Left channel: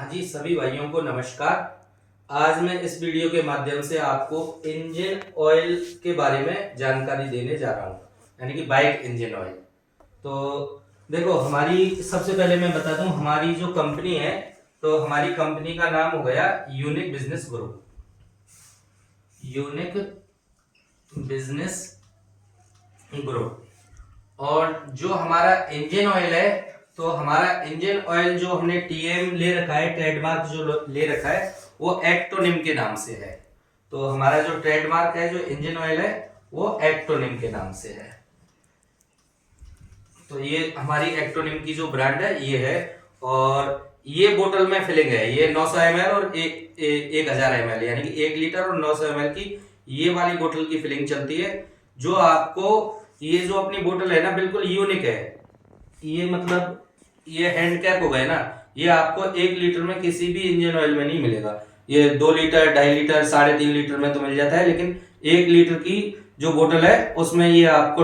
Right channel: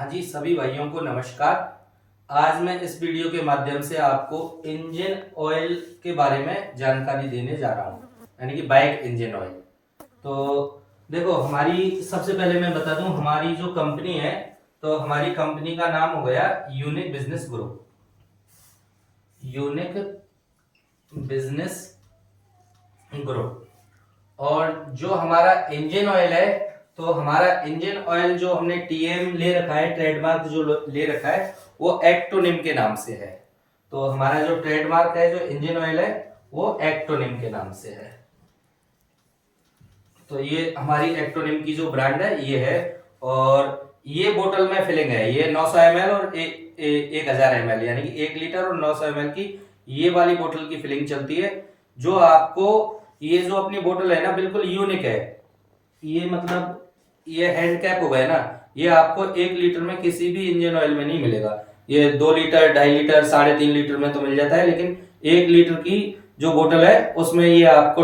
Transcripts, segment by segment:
हाँ जी, सभी भाइयों को नमस्कार। आज मैं इस वीडियो के माध्यम से आपको इंजन ऑयल के बारे में जानकारी देने जा रहा हूँ, यानी कि बाइक इंजन ऑयल। तो देखो, हमारी सबसे पहले मैं बता दूं हमारी जो कंपनी है, तो हमारी कंपनी का नाम हो गया unique business group. Unique business group. और जो हमारा इंजन ऑयल है, तो हमारा इंजन ऑयल जो हमने टीएम ले रखा है, ट्रेडमार्क जो ले रखा है, वो एक्टोनिम के नाम से है। तो हमारा जो ट्रेडमार्क है, जो इंजन ऑयल है, वो एक्टोनिम के नाम से है। तो ये हमारी एक्टोनिम की जो ब्रांड है ये है। और ये बोतल में फिलिंग है, ये 900 ml और 1000 ml, यानी कि 1 लीटर और 900 ml की ये वाली बोतल की फिलिंग चलती है। जो आपको ये जो अपनी बोतल है ना, बिल्कुल यूनिक है। ये मतलब ये हैंड कैप हो गया ना, ये आपको 1 लीटर में किसी भी इंजन ऑयल में नहीं मिलेगा। ये 2 लीटर, 2.5 लीटर, 3.5 लीटर में तो मिल जाता है, लेकिन 1 लीटर की जो बोतल है उसमें ये आपको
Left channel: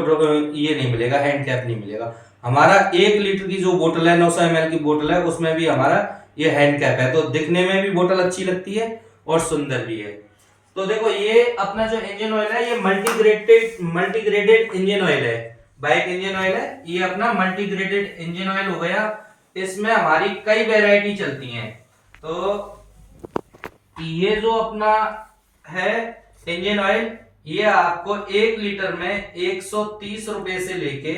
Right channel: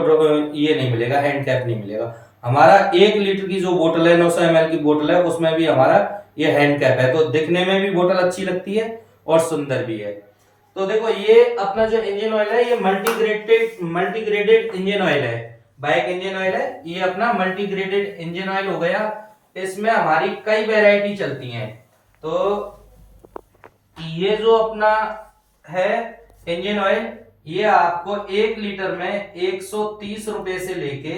ये नहीं मिलेगा, हैंड कैप नहीं मिलेगा। हमारा 1 लीटर की जो बोतल है, 900 ml की बोतल है, उसमें भी हमारा ये हैंड कैप है। तो दिखने में भी बोतल अच्छी लगती है और सुंदर भी है। तो देखो, ये अपना जो इंजन ऑयल है, ये मल्टीग्रेडेड इंजन ऑयल है। बाइक इंजन ऑयल है, ये अपना मल्टीग्रेडेड इंजन ऑयल हो गया। इसमें हमारी कई वैरायटी चलती हैं। तो ये जो अपना है इंजन ऑयल, ये आपको 1 लीटर में 130 रुपए से लेके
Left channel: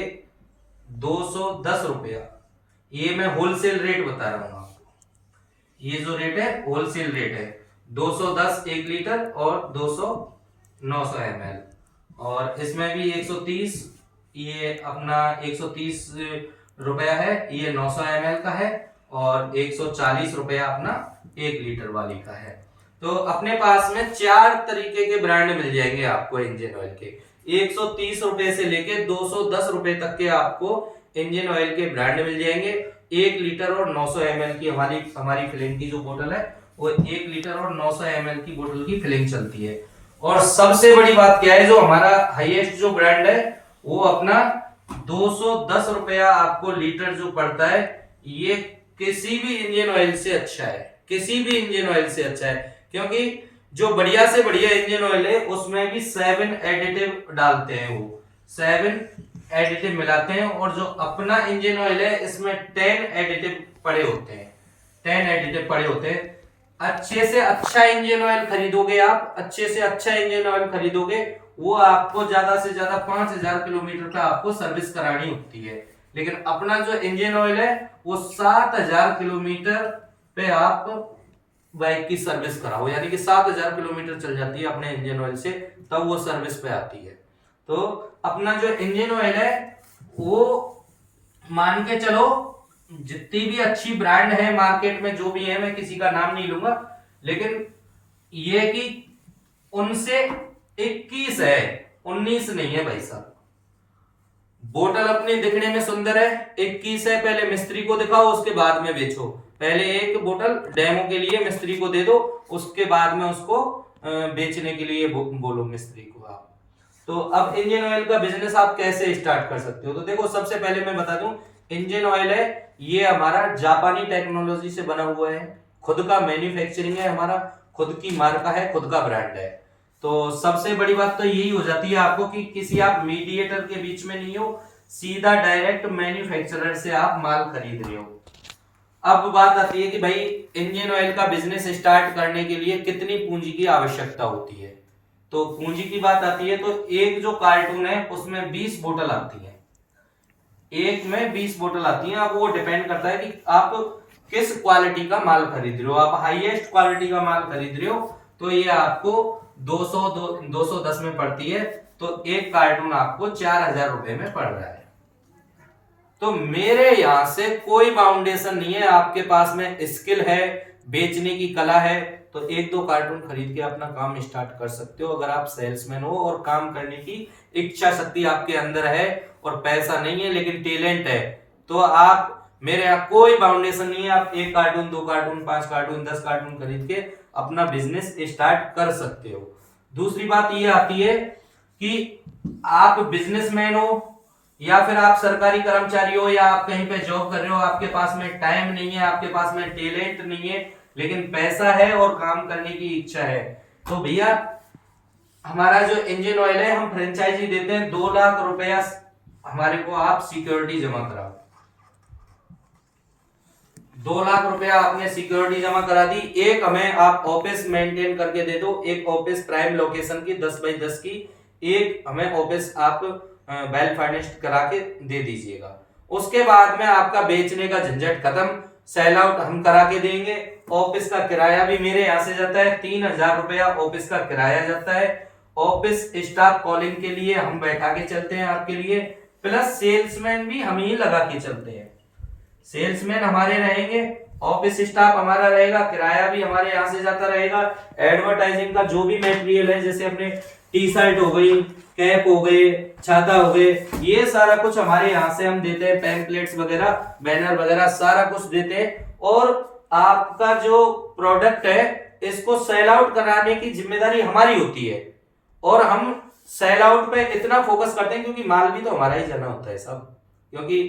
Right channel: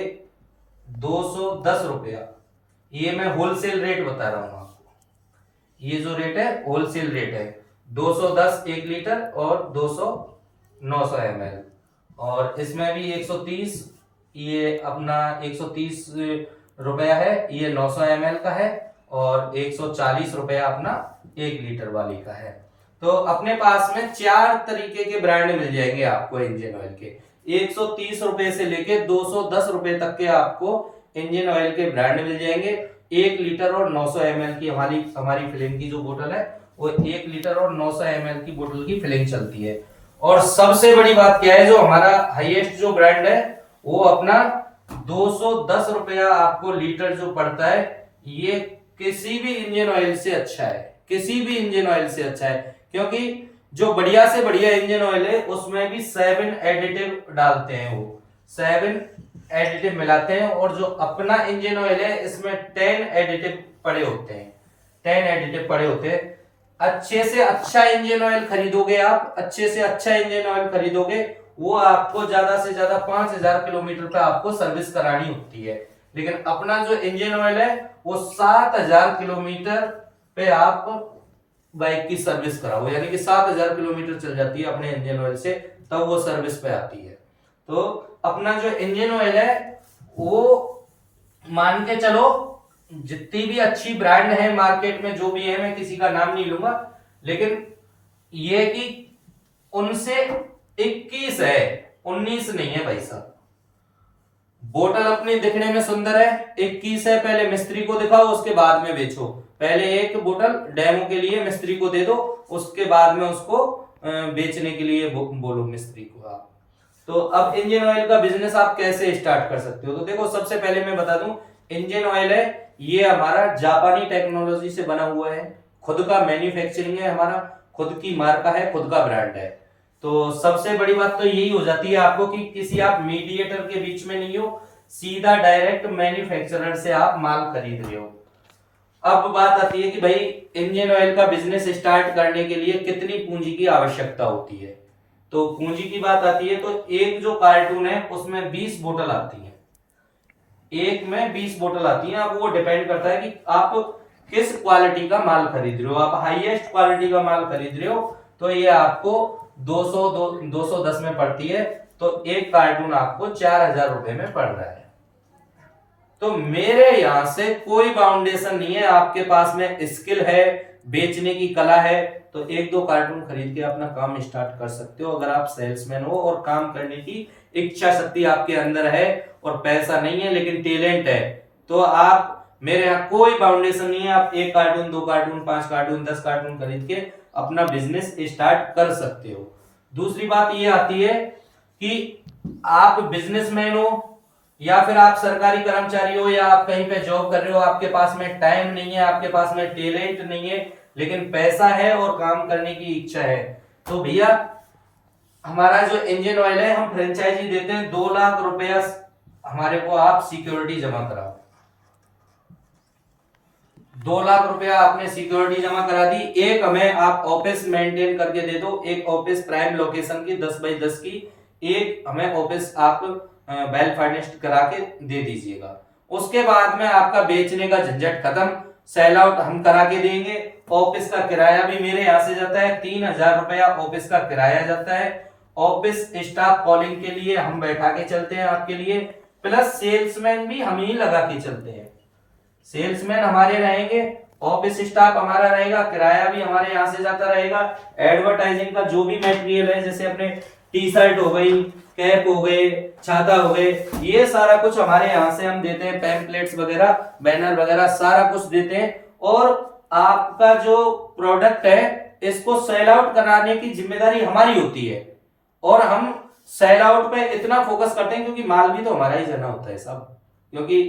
210 रुपया, ये मैं होलसेल रेट बता रहा हूं आपको। ये जो रेट है होलसेल रेट है, 210 1 लीटर और 200 900 ml। और इसमें भी 130, ये अपना 130 रुपया है, ये 900 ml का है। और 140 रुपया अपना 1 लीटर वाली का है। तो अपने पास में 4 तरीके के ब्रांड मिल जाएंगे आपको इंजन ऑयल के। 130 रुपए से लेके 210 रुपए तक के आपको इंजन ऑयल के ब्रांड मिल जाएंगे। 1 लीटर और 900 ml की हमारी हमारी फिलिंग की जो बोतल है, वो 1 लीटर और 900 ml की बोतल की फिलिंग चलती है। और सबसे बड़ी बात क्या है, जो हमारा हाईएस्ट जो ब्रांड है, वो अपना 210 रुपया आपको लीटर जो पड़ता है। ये किसी भी इंजन ऑयल से अच्छा है, किसी भी इंजन ऑयल से अच्छा है। क्योंकि जो बढ़िया से बढ़िया इंजन ऑयल है, उसमें भी 7 एडिटिव डालते हैं, वो 7 एडिटिव मिलाते हैं। और जो अपना इंजन ऑयल है, इसमें 10 एडिटिव पड़े होते हैं, 10 एडिटिव पड़े होते हैं। अच्छे से अच्छा इंजन ऑयल खरीदोगे आप, अच्छे से अच्छा इंजन ऑयल खरीदोगे, वो आपको ज्यादा से ज्यादा 5000 किलोमीटर पे आपको सर्विस करानी होती है। लेकिन अपना जो इंजन ऑयल है, वो 7000 किलोमीटर पे आप बाइक की सर्विस कराओ, यानी कि 7000 किलोमीटर चल जाती है अपने इंजन ऑयल से, तब वो सर्विस पे आती है। तो अपना जो इंजन ऑयल है, वो मान के चलो, जितनी भी अच्छी ब्रांड है मार्केट में, जो भी है, मैं किसी का नाम नहीं लूंगा, लेकिन ये कि उनसे 21 है, 19 नहीं है भाई साहब। बोतल अपनी दिखने में सुंदर है, 21 है। पहले मिस्त्री को दिखाओ, उसके बाद में बेचो। पहले एक बोतल डेमो के लिए मिस्त्री को दे दो, उसके बाद में उसको बेचने के लिए बोलो मिस्त्री को आप। तो अब इंजन ऑयल का बिजनेस आप कैसे स्टार्ट कर सकते हो? तो देखो, सबसे पहले मैं बता दूं, इंजन ऑयल है, ये हमारा जापानी टेक्नोलॉजी से बना हुआ है। खुद का मैन्युफैक्चरिंग है, हमारा खुद की मार्का है, खुद का ब्रांड है। तो सबसे बड़ी बात तो यही हो जाती है आपको कि किसी आप मीडिएटर के बीच में नहीं हो, सीधा डायरेक्ट मैन्युफैक्चरर से आप माल खरीद रहे हो। अब बात आती है कि भाई, इंजन ऑयल का बिजनेस स्टार्ट करने के लिए कितनी पूंजी की आवश्यकता होती है। तो पूंजी की बात आती है, तो एक जो कार्टून है उसमें 20 बोतल आती है, एक में 20 बोतल आती है। अब वो डिपेंड करता है कि आप किस क्वालिटी का माल खरीद रहे हो। आप हाईएस्ट क्वालिटी का माल खरीद रहे हो, तो ये आपको 210 में पड़ती है। तो एक कार्टून आपको 4000 रुपए में पड़ रहा है। तो मेरे यहां से कोई बाउंडेशन नहीं है, आपके पास में स्किल है, बेचने की कला है, तो 1-2 कार्टून खरीद के अपना काम स्टार्ट कर सकते हो। अगर आप सेल्समैन हो और काम करने की इच्छा शक्ति आपके अंदर है, और पैसा नहीं है लेकिन टैलेंट है, तो आप, मेरे यहाँ कोई बाउंडेशन नहीं है। आप 1 कार्टून, 2 कार्टून, 5 कार्टून, 10 कार्टून खरीद के अपना बिजनेस स्टार्ट कर सकते हो। दूसरी बात ये आती है कि आप बिजनेसमैन हो, या फिर आप सरकारी कर्मचारी हो या आप कहीं पे जॉब कर रहे हो, आपके पास में टाइम नहीं है, आपके पास में टैलेंट नहीं है, लेकिन पैसा है और काम करने की इच्छा है, तो भैया हमारा जो इंजन ऑयल है हम फ्रेंचाइजी देते हैं। 2 लाख रुपया हमारे को आप सिक्योरिटी जमा कराओ। 2 लाख रुपया आपने सिक्योरिटी जमा करा दी। एक हमें आप ऑफिस मेंटेन करके दे दो, एक ऑफिस प्राइम लोकेशन की 10x10 की, एक हमें ऑफिस आप वेल फर्निश्ड करा के दे दीजिएगा। उसके बाद में आपका बेचने का झंझट खत्म, सेल आउट हम करा के देंगे। ऑफिस का किराया भी मेरे यहाँ से जाता है, 3,000 रुपया ऑफिस का किराया जाता है। ऑफिस स्टाफ कॉलिंग के लिए हम बैठा के चलते हैं आपके लिए, प्लस सेल्समैन भी हम ही लगा के चलते हैं। सेल्समैन हमारे रहेंगे, ऑफिस स्टाफ हमारा रहेगा, किराया भी हमारे यहाँ से जाता रहेगा। एडवर्टाइजिंग का जो भी मटेरियल है, जैसे अपने टी शर्ट हो गई, कैप हो गए, छाता हो गए, ये सारा कुछ हमारे यहाँ से हम देते हैं। पैम्पलेट्स वगैरह, बैनर वगैरह सारा कुछ देते हैं। और आपका जो प्रोडक्ट है इसको सेल आउट कराने की जिम्मेदारी हमारी होती है। और हम सेल आउट पे इतना फोकस करते हैं क्योंकि माल भी तो हमारा ही जाना होता है सब, क्योंकि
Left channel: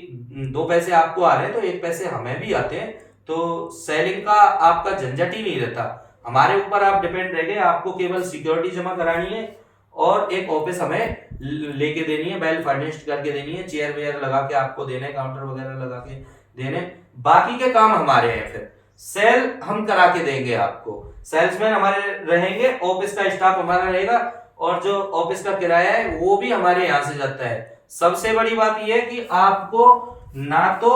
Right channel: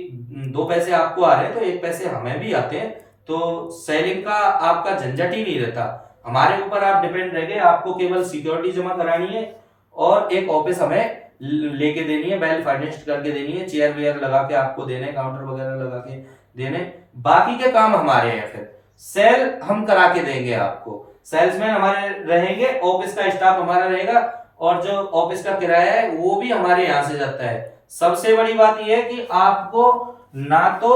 2 पैसे आपको आ रहे हैं तो 1 पैसे हमें भी आते हैं, तो सेलिंग का आपका झंझट ही नहीं रहता। हमारे ऊपर आप डिपेंड रहेंगे, आपको केवल सिक्योरिटी जमा करानी है और एक ऑफिस हमें लेके देनी है, वेल फर्निश्ड करके देनी है, चेयर वेयर लगा के आपको देने, काउंटर वगैरह लगा के देने। बाकी के काम हमारे हैं। फिर सेल हम करा के देंगे आपको, सेल्समैन हमारे रहेंगे, ऑफिस का स्टाफ हमारा रहेगा, और जो ऑफिस का किराया है वो भी हमारे यहाँ से जाता है। सबसे बड़ी बात यह है कि आपको ना तो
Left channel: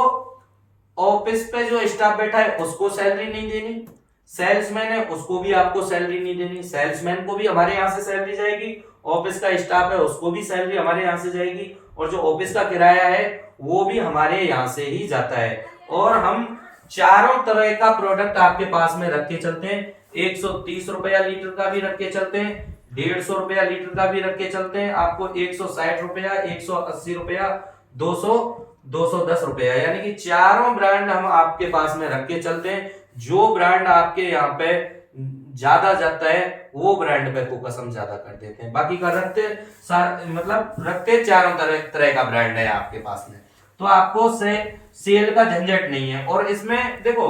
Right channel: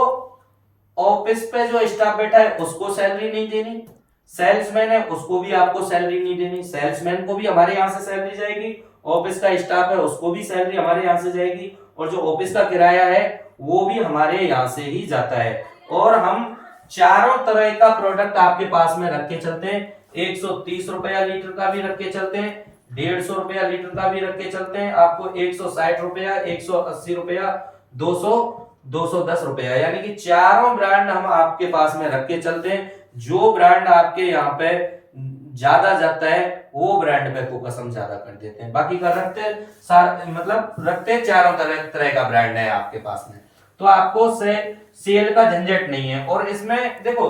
ऑफिस पे जो स्टाफ बैठा है उसको सैलरी नहीं देनी, सेल्समैन है उसको भी आपको सैलरी नहीं देनी, सेल्समैन को भी हमारे यहाँ से सैलरी जाएगी, ऑफिस का स्टाफ है उसको भी सैलरी हमारे यहाँ से जाएगी, और जो ऑफिस का किराया है वो भी हमारे यहाँ से ही जाता है। और हम चारों तरह का प्रोडक्ट आपके पास में रख के चलते हैं। 130 रुपया लीटर का भी रख के चलते हैं, 150 रुपया लीटर का भी रख के चलते हैं, आपको 160 रुपया, 180 रुपया, 200, 210 रुपया, यानी कि चारों ब्रांड हम आपके पास में रख के चलते हैं। जो ब्रांड आपके यहाँ पे ज्यादा जाता है वो ब्रांड पे फोकस हम ज्यादा कर देते हैं। बाकी का रखते चारों तरह का ब्रांड है आपके पास में, तो आपको सेल का झंझट नहीं है। और इसमें देखो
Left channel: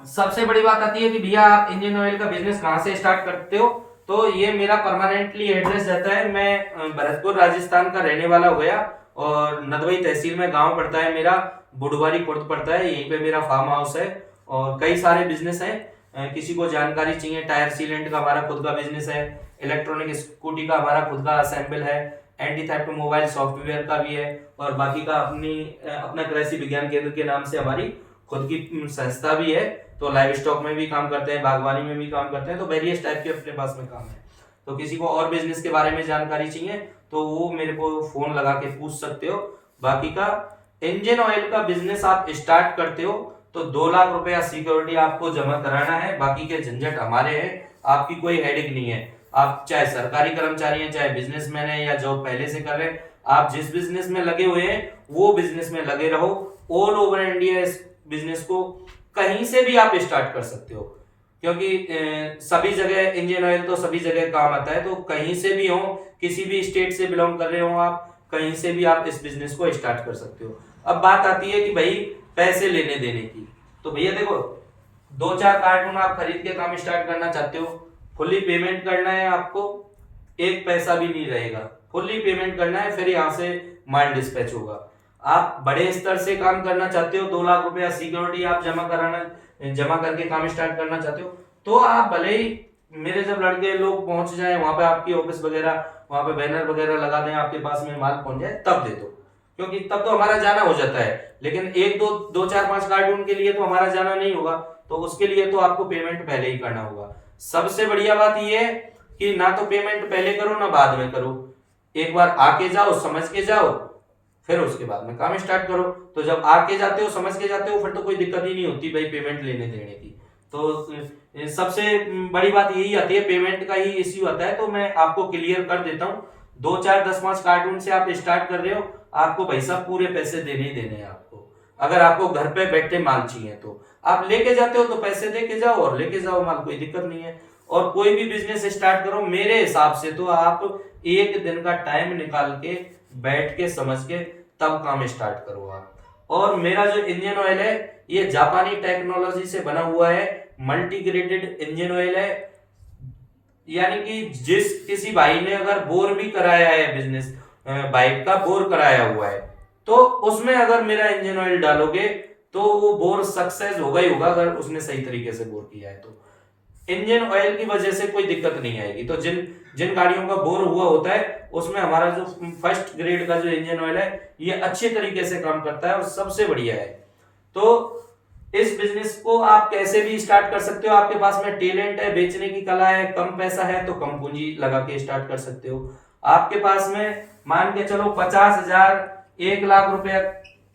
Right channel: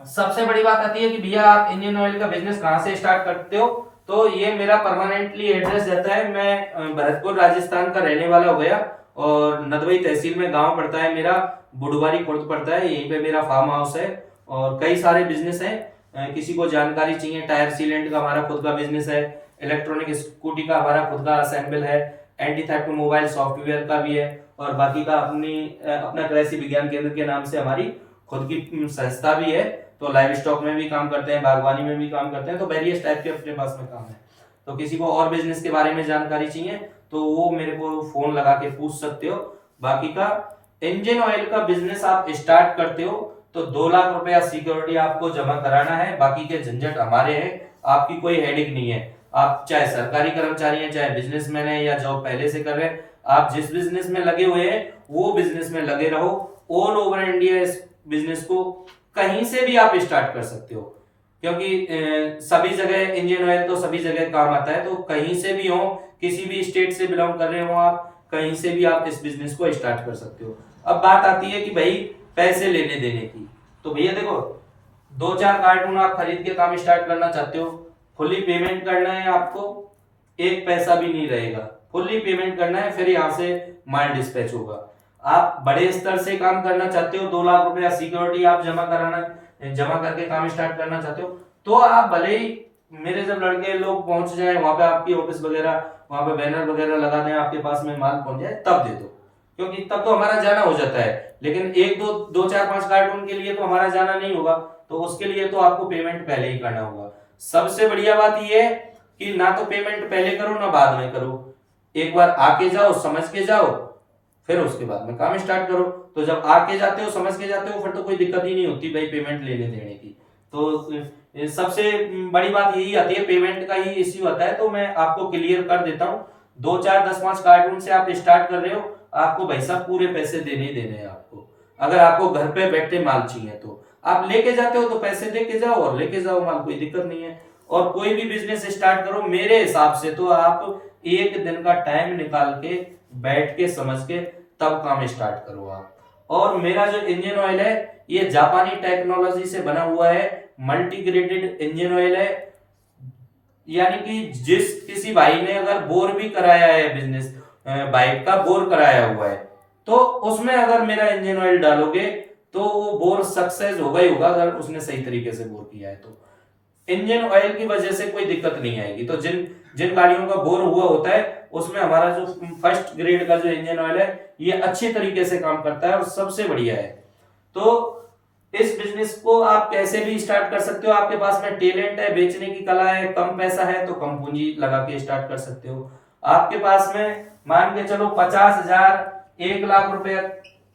सबसे बड़ी बात आती है कि भैया आप इंजन ऑयल का बिजनेस कहां से स्टार्ट करते हो, तो ये मेरा परमानेंटली एड्रेस रहता है। मैं भरतपुर राजस्थान का रहने वाला हो गया, और नदवई तहसील में गांव पड़ता है मेरा, बुढ़वारी खुर्द पड़ता है, यहीं पे मेरा फार्म हाउस है। और कई सारे बिजनेस हैं, किसी को जानकारी चाहिए, टायर सीलेंट का हमारा खुद का बिजनेस है, इलेक्ट्रॉनिक स्कूटी का हमारा खुद का असेंबल है, एंटी थेफ्ट मोबाइल सॉफ्टवेयर का भी है, और बाकी का अपना कृषि विज्ञान केंद्र के नाम से हमारी खुद की संस्था भी है। तो लाइव स्टॉक में भी काम करते हैं, बागवानी में भी काम करते हैं, तो वेरियस टाइप के अपने पास में काम है। तो किसी को और बिजनेस के बारे में जानकारी चाहिए तो वो मेरे को फोन लगा के पूछ सकते हो। बाकी का इंजन ऑयल का बिजनेस आप स्टार्ट करते हो तो 2 लाख रुपया सिक्योरिटी आपको जमा कराना है, बाकी के झंझट हमारे हैं, आपकी कोई हेडेक नहीं है। आप चाहे सरकारी कर्मचारी हैं, चाहे बिजनेसमैन है, या जॉब पहले से कर रहे हैं, आप जिस बिजनेस में लगे हुए हैं वो बिजनेस में लगे रहो। ऑल ओवर इंडिया इस बिजनेस को कहीं से भी आप स्टार्ट कर सकते हो, क्योंकि सभी जगह इंजन ऑयल तो सभी जगह काम आता है। तो कहीं से भी हो, किसी भी स्टेट से बिलोंग कर रहे हो आप, कहीं से भी आप इस बिजनेस को स्टार्ट कर सकते हो। अब बात आती है कि भाई पैसे लेने देने की, तो भैया देखो 2-4 कार्टून आप खरीद के काम स्टार्ट करना चाहते हो, फुल्ली पेमेंट करना है आपको, 1 पैसा भी नहीं रहेगा, फुल्ली पेमेंट करना है, फिर यहाँ से माल डिस्पैच होगा। आप बड़े स्तर से काम करना चाहते हो, 2 लाख रुपया सिक्योरिटी आप जमा करके काम स्टार्ट करना चाहते हो, तो आप भले ही मेरे जब लड़के लोग पहुंच जाए वहां पे, आपकी ऑफिस वगैरह वहां पे बैनर वगैरह लगा दें, आपके पास में माल पहुंच जाए तब दे दो, क्योंकि तब तो हमारा जाना हो जाता है। लेकिन 1-2-4-5 कार्टून के लिए तो हमारा जाना नहीं होगा, तो उसके लिए तो आपको पेमेंट पहले ही करना होगा। सबसे बढ़िया बात यह है कि ना तो पेमेंट पहले करो ना बाद में करो, एक बार आके जाओ, समझ के जाओ, फिर उसके बाद में काम स्टार्ट करो। तो जब आके जाते हो, समझ के जाते हो, फिर तो कोई दिक्कत ही नहीं होती भाई पेमेंट लेने देने की। तो सबसे बड़ी बात यही आती है, पेमेंट का ही इश्यू आता है। तो मैं आपको क्लियर कर देता हूँ, 2-4-10-5 कार्टून से आप स्टार्ट कर रहे हो, आपको भाई साहब पूरे पैसे देने ही देने हैं आपको। अगर आपको घर पे बैठे माल चाहिए तो आप लेके जाते हो तो पैसे दे के जाओ और लेके जाओ माल, कोई दिक्कत नहीं है। और कोई भी बिजनेस स्टार्ट करो, मेरे हिसाब से तो आप 1 दिन का टाइम निकाल के बैठ के समझ के तब काम स्टार्ट करो आप। और मेरा जो इंजन ऑयल है ये जापानी टेक्नोलॉजी से बना हुआ है, मल्टीग्रेडेड इंजन ऑयल है। यानी कि जिस किसी भाई ने अगर बोर भी कराया है, बिजनेस बाइक का बोर कराया हुआ है, तो उसमें अगर मेरा इंजन ऑयल डालोगे तो वो बोर सक्सेस होगा ही होगा, अगर उसने सही तरीके से बोर किया है तो। इंजन ऑयल की वजह से कोई दिक्कत नहीं आएगी। तो जिन जिन गाड़ियों का बोर हुआ होता है उसमें हमारा जो फर्स्ट ग्रेड का जो इंजन ऑयल है ये अच्छे तरीके से काम करता है और सबसे बढ़िया है। तो इस बिजनेस को आप कैसे भी स्टार्ट कर सकते हो। आपके पास में टैलेंट है, बेचने की कला है, कम पैसा है तो कम पूंजी लगा के स्टार्ट कर सकते हो। आपके पास में मान के चलो 50,000 1 लाख रुपए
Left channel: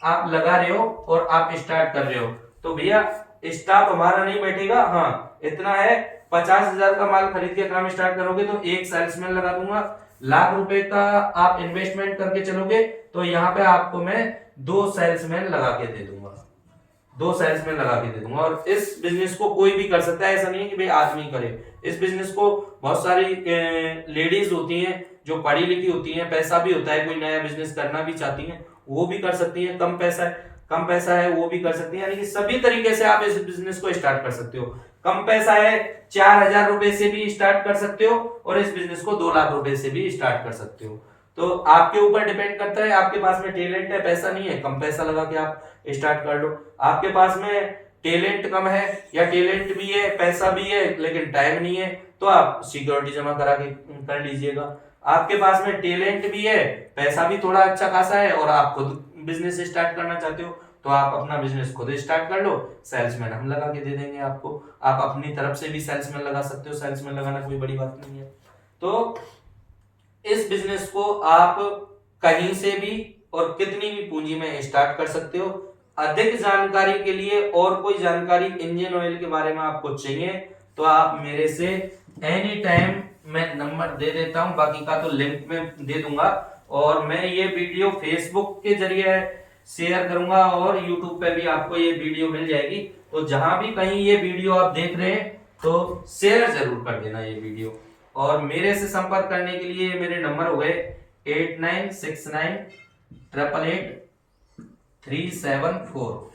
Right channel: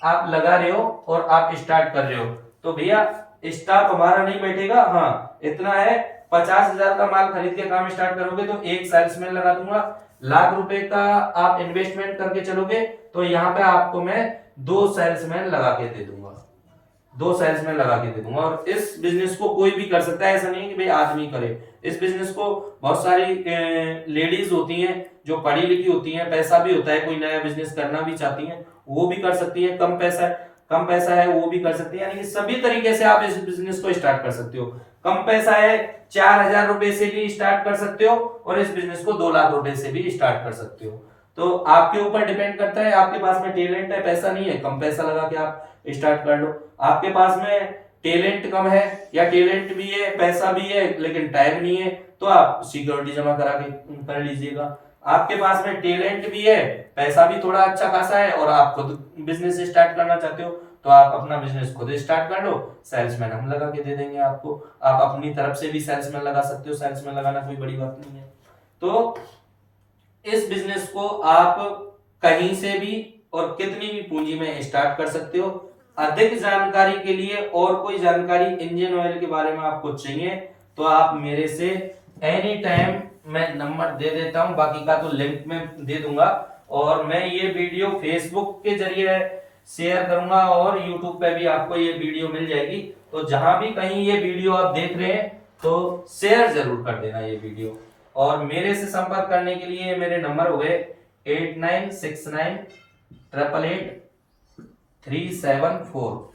आप लगा रहे हो और आप स्टार्ट कर रहे हो, तो भैया स्टाफ हमारा नहीं बैठेगा। हाँ इतना है, 50,000 का माल खरीद के काम स्टार्ट करोगे तो एक सेल्समैन लगा दूंगा। 1 लाख रुपए का आप इन्वेस्टमेंट करके चलोगे तो यहाँ पे आपको मैं 2 सेल्समैन लगा के दे दूंगा, 2 सेल्समैन लगा के दे दूंगा। और इस बिजनेस को कोई भी कर सकता है, ऐसा नहीं है कि भाई आदमी करे। इस बिजनेस को बहुत सारी लेडीज होती हैं जो पढ़ी लिखी होती हैं, पैसा भी होता है, कोई नया बिजनेस करना भी चाहती हैं वो भी कर सकती हैं, कम पैसा है वो भी कर सकती है। यानी कि सभी तरीके से आप इस बिजनेस को स्टार्ट कर सकते हो। कम पैसा है 4,000 रुपए से भी स्टार्ट कर सकते हो और इस बिजनेस को 2 लाख रुपए से भी स्टार्ट कर सकते हो। तो आपके ऊपर डिपेंड करता है, आपके पास में टैलेंट है, पैसा नहीं है, कम पैसा लगा के आप स्टार्ट कर लो। आपके पास में टैलेंट कम है या टैलेंट भी है, पैसा भी है लेकिन टाइम नहीं है, तो आप सिक्योरिटी जमा करा के कर लीजिएगा। आपके पास में टैलेंट भी है, पैसा भी थोड़ा अच्छा खासा है और आप खुद बिजनेस स्टार्ट करना चाहते हो तो आप अपना बिजनेस खुद स्टार्ट कर लो, सेल्समैन हम लगा के दे देंगे आपको। आप अपनी तरफ से भी सेल्समैन लगा सकते हो, सेल्समैन लगाना कोई बड़ी बात नहीं है। तो इस बिजनेस को आप कहीं से भी और कितनी भी पूंजी में स्टार्ट कर सकते हो। अधिक जानकारी के लिए और कोई जानकारी इंजन ऑयल के बारे में आपको चाहिए तो आप मेरे से एनी टाइम, मैं नंबर दे देता हूं, बाकी का तो लिंक में दे दूंगा। और मैं ये वीडियो फेसबुक के जरिए शेयर करूंगा और यूट्यूब पे भी आपको ये वीडियो मिल जाएगी। तो जहां भी कहीं ये वीडियो आप देख रहे हैं तो शेयर जरूर कर देना ये वीडियो। और मेरे से संपर्क करने के लिए मेरे नंबर हो गए 8969888374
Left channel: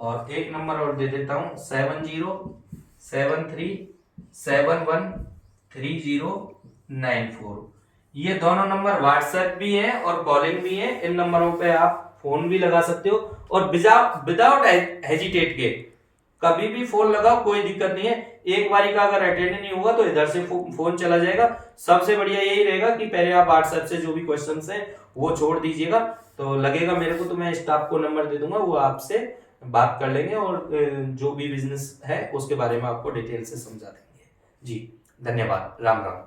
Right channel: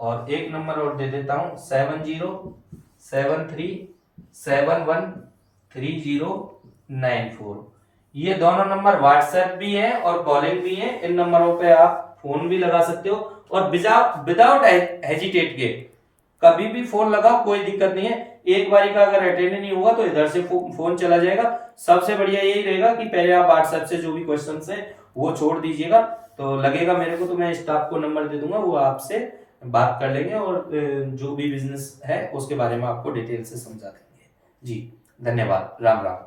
और एक नंबर और दे देता हूं 7073713094। ये दोनों नंबर व्हाट्सएप भी है और कॉलिंग भी है। इन नंबरों पे आप फोन भी लगा सकते हो और विदाउट हेजिटेट के कभी भी फोन लगाओ, कोई दिक्कत नहीं है। एक बारी का अगर अटेंड नहीं हुआ तो इधर से फोन चला जाएगा। सबसे बढ़िया यही रहेगा कि पहले आप व्हाट्सएप से जो भी क्वेश्चंस है वो छोड़ दीजिएगा, तो लगेगा मेरे को तो मैं स्टाफ को नंबर दे दूंगा, वो आपसे बात कर लेंगे और जो भी बिजनेस है उसके बारे में आपको डिटेल से समझा देंगे। जी धन्यवाद, राम राम।